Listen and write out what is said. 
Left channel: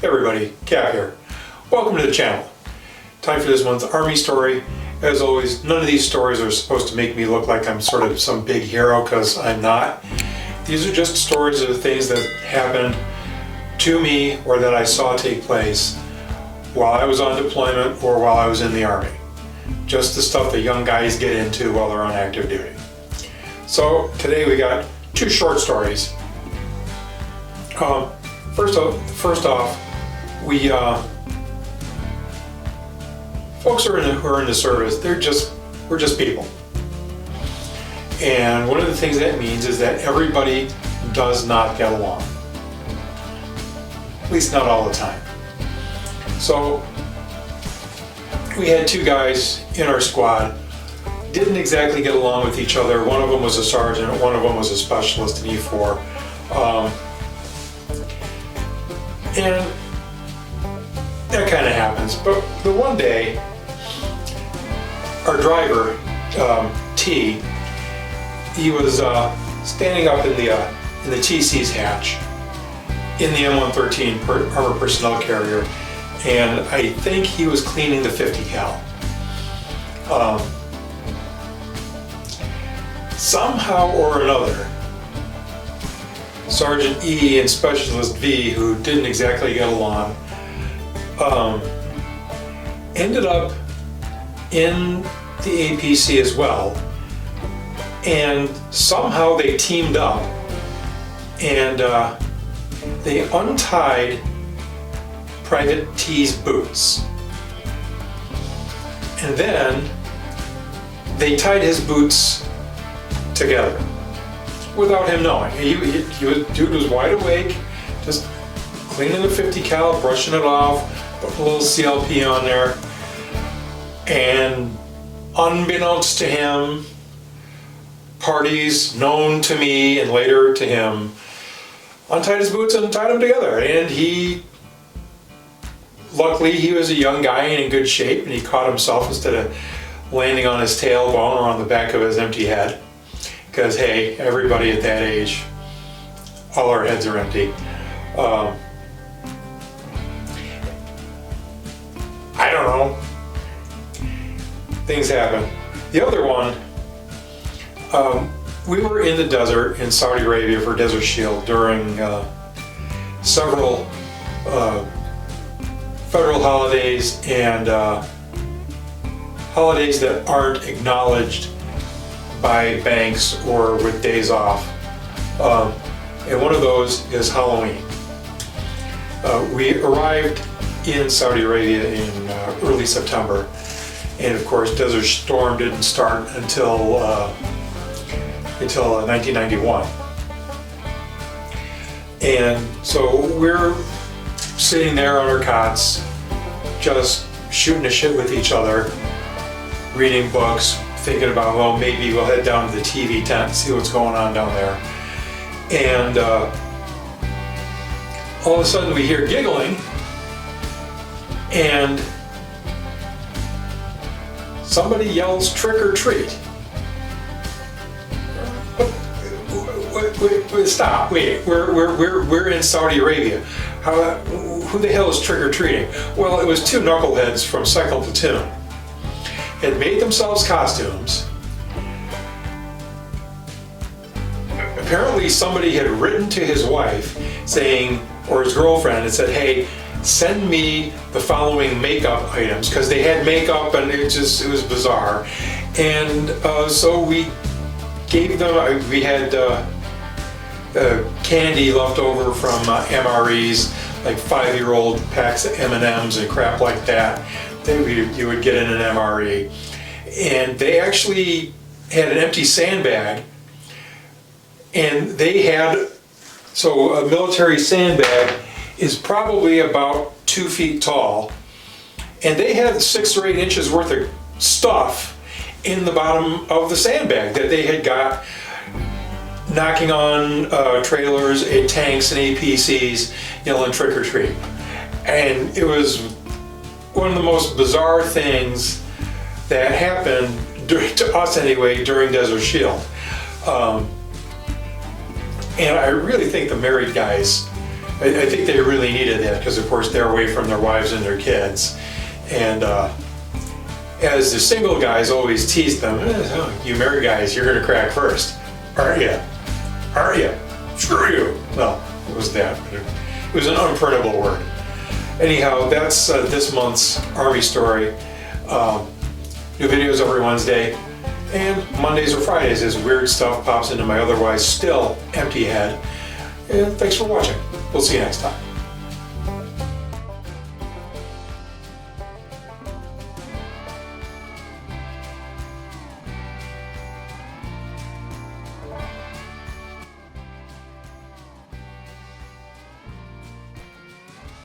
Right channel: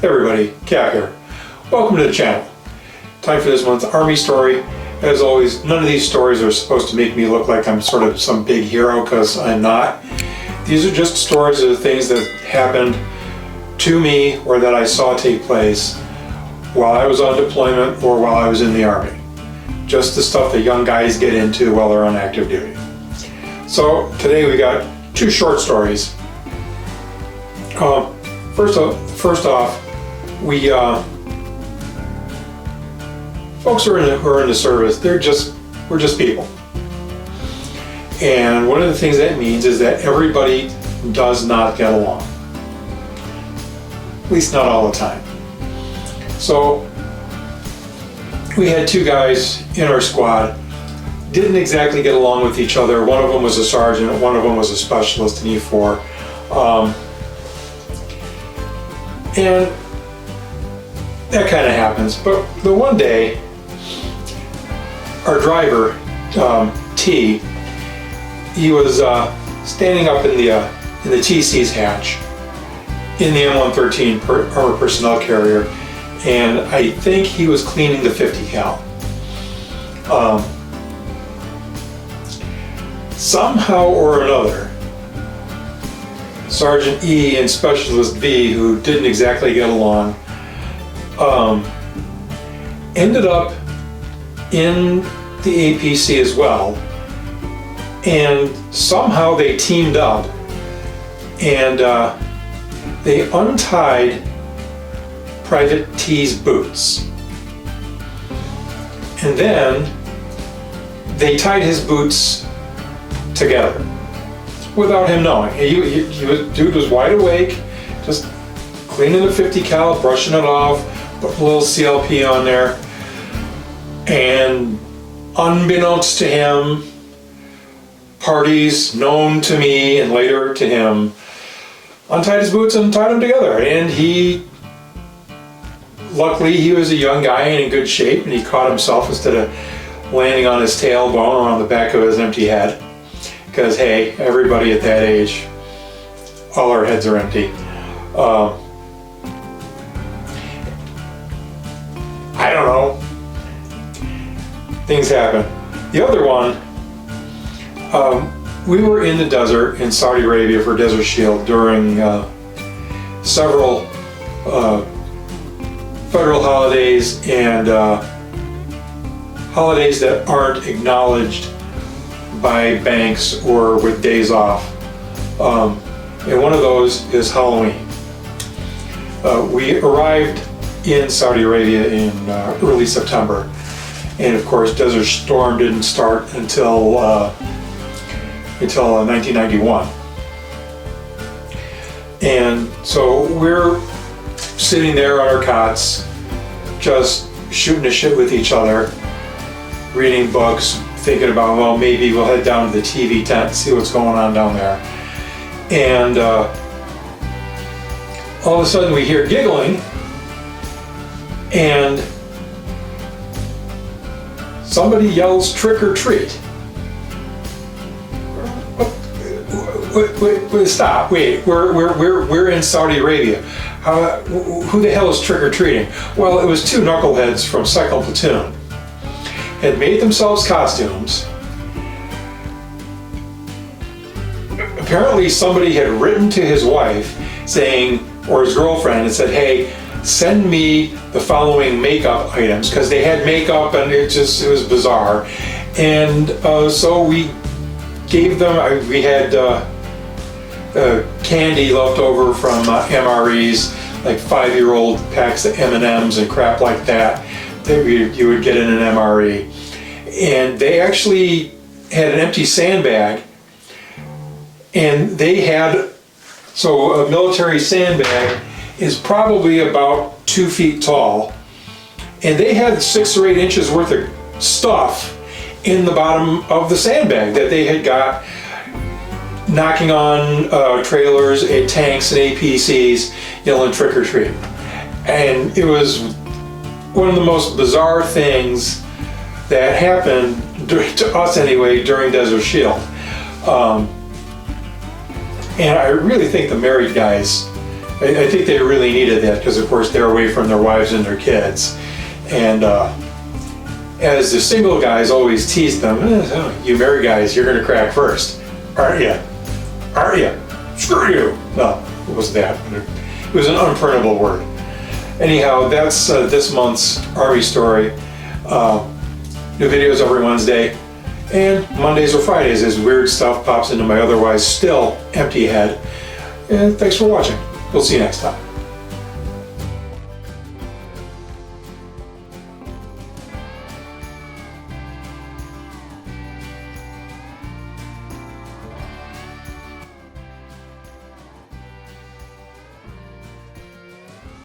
Hey everybody, Cap here. Welcome to the channel. Time for this month's Army story. As always, none of these stories are supposed to make me look like I'm sort of some big hero, because I'm not. These are just stories of the things that happened to me or that I saw take place while I was on deployment or while I was in the Army. Just the stuff that young guys get into while they're on active duty. So today we got two short stories. First off, we folks who are in the service, we're just people. And one of the things that means is that everybody does not get along. At least not all the time. So we had two guys in our squad, didn't exactly get along with each other. One of them was a sergeant, one of them was a specialist in E4. And that kind of happens. But the one day, our driver, T, he was standing up in the TC's hatch in the M113 armored personnel carrier, and I think he was cleaning the 50 cal. Somehow or another, Sergeant E and Specialist B, who didn't exactly get along, ended up in the APC as well, and somehow they teamed up and they untied Private T's boots, and then they tied his boots together without him knowing. Dude was wide awake, just cleaning the 50 cal, brushing it off, putting a little CLP on there, and unbeknownst to him, parties known to me and later to him untied his boots and tied them together. And luckily he was a young guy and in good shape, and he caught himself instead of landing on his tailbone or on the back of his empty head. Because hey, everybody at that age, all our heads are empty. I don't know. Things happen. The other one, we were in the desert in Saudi Arabia for Desert Shield during several federal holidays and holidays that aren't acknowledged by banks or with days off. And one of those is Halloween. We arrived in Saudi Arabia in early September, and of course Desert Storm didn't start until 1991. And so we're sitting there on our cots, just shooting the shit with each other, reading books, thinking about, well, maybe we'll head down to the TV tent and see what's going on down there. And all of a sudden we hear giggling, and somebody yells, "Trick or treat." Wait, stop, wait, we're in Saudi Arabia. Who the hell is trick or treating? Well, it was two knuckleheads from Cycle Platoon. Had made themselves costumes. Apparently somebody had written to his wife saying, or his girlfriend, and said, hey, send me the following makeup items, because they had makeup and it was bizarre. And so we gave them, we had candy left over from MREs, like 5-year-old packs of M&Ms and crap like that you would get in an MRE. And they actually had an empty sandbag, and they had, so a military sandbag is probably about 2 feet tall, and they had 6 or 8 inches worth of stuff in the bottom of the sandbag that they had got knocking on trailers and tanks and APCs, yelling trick or treat. And it was one of the most bizarre things that happened, to us anyway, during Desert Shield. And I really think the married guys I think they really needed that because, of course, they're away from their wives and their kids. And as the single guys always teased them, you married guys, you're going to crack first. Aren't you? Aren't you? Screw you. Well, it was that. It was an unprintable word. Anyhow, that's this month's Army story. New videos every Wednesday. And Mondays or Fridays as weird stuff pops into my otherwise still empty head. And thanks for watching. We'll see you next time.